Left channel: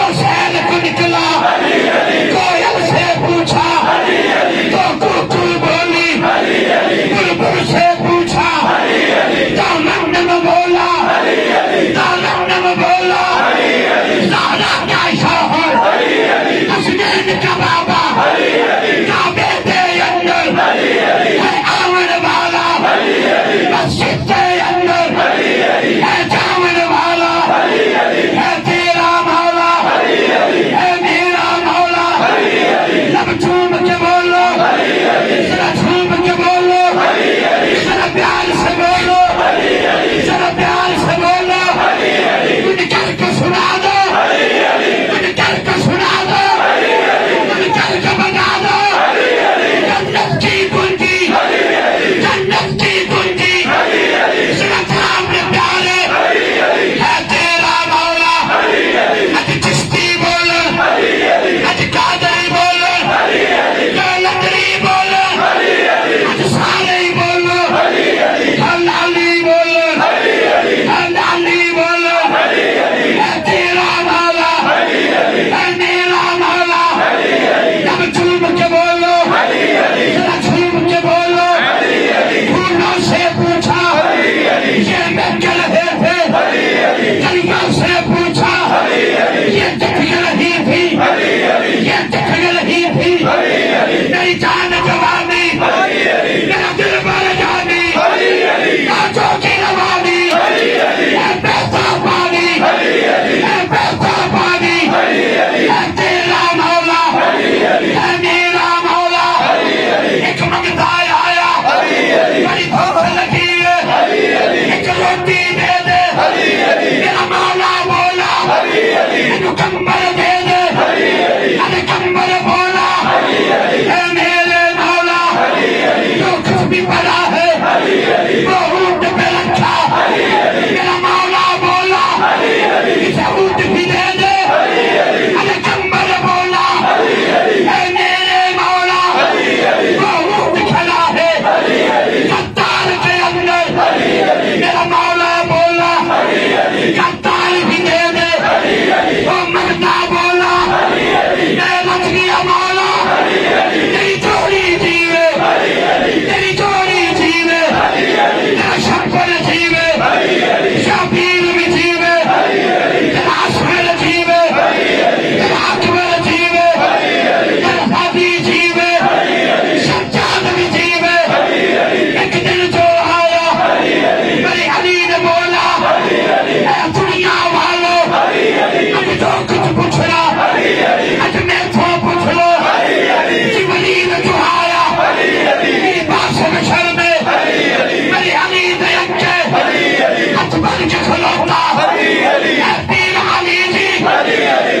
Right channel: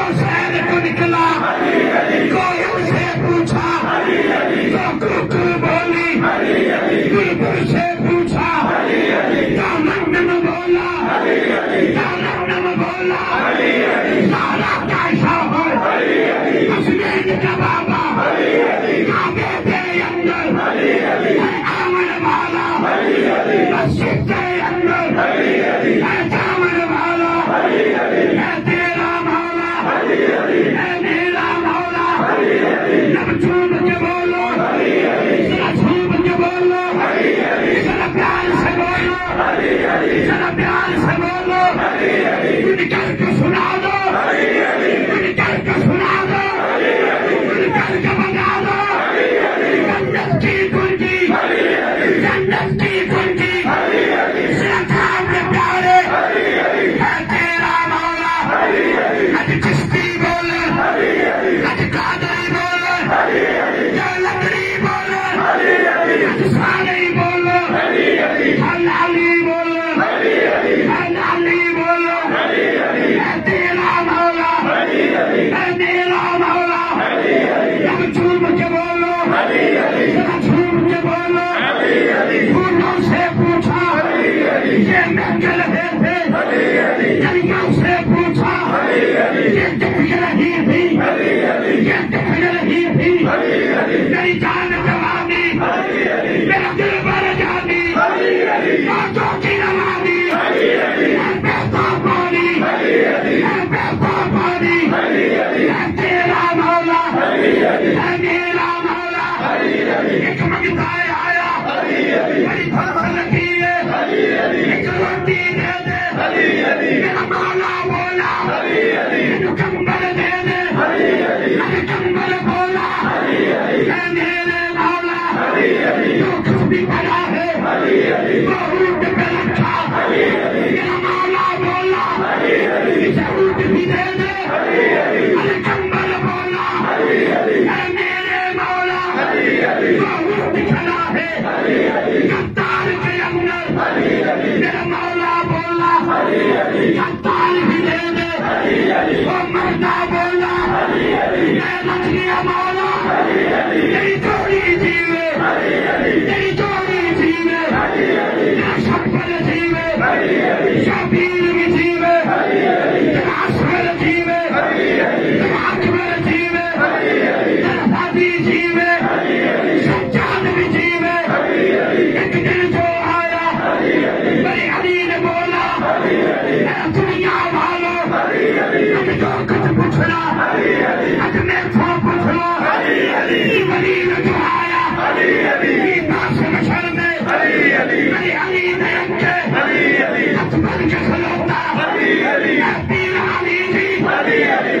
تو شہر کو نکلا کوئل سے پوچھا تو کوکل بولی بلبل سے پوچھا تو نم بولا نم بولا زہرا کا شوہر حسنین کا بابا کعبے کے اندر ہے آمن والا مسجد کے اندر ہے جامن والا ہے تیرا مولا ہے میرا مولا لب جھوم کے بولو ذرا جھوم کے بولو ذرا پیار سے بولو ذرا پیار سے بولو ان کل کو سنا دو ان کل کو سنا دو ان کل کو بنا دو جنت کی کنجی جنت کی کنجی ذرا تھام نے پیارے ہے تیرا مولا اج چشتی بولو اج قادری بولو لکڑی بولو اج سارے بولو ہلالی بولو ہلالی بولو ہے تیرا مولا ہے میرا مولا جب جھوم کے بولو ذرا جھوم کے بولو پھولوں سے پوچھا یہ میں کے رہے تھے دریا سے پوچھا یہ دکھ رہی تھی یہ دکھ رہی تھی میری جان جوانی میرا دل بر جانی باتوں کی روانی ہے بہتا پانی ہے بہتا پانی ہے تیرا مولا ہے میرا مولا ایک منگتا آیا بڑی بھوک لگی ہے ایک روٹی دے دے میرا مولا بولا ایک کمبل دے دے ارے کمبل بولا ہے میرے مولا جو کچھ بھی پڑا ہے وہ اونٹ پہ رکھا میرا مولا بولا اسے اونٹ بھی دے دے ارے کمبل بولا ہے میرے مولا وہ اونٹ کھڑا ہے ستار کے اندر میرا مولا بولا ستار بھی دے دے وہ مرنا بولا میں بچ گیا مولا تیری جوڑی جیوے تیری جوڑی جیوے تیرا شکر جیوے شبیر بھی جیوے تیرا اسمر جیوے تیرا اکبر جیوے تیرا حبی جیوے سجاد بھی جیوے ایک دن جو آیا میری علی نے بولا اے دنیا والو اب جو کچھ پوچھ رہا اج میں تو پوچھ لو یہ ولیل جو آیا میری بات سے مشر میں میری علی نے اکے ہاتھ بھر کے کھلوتا ہے پیر علی جی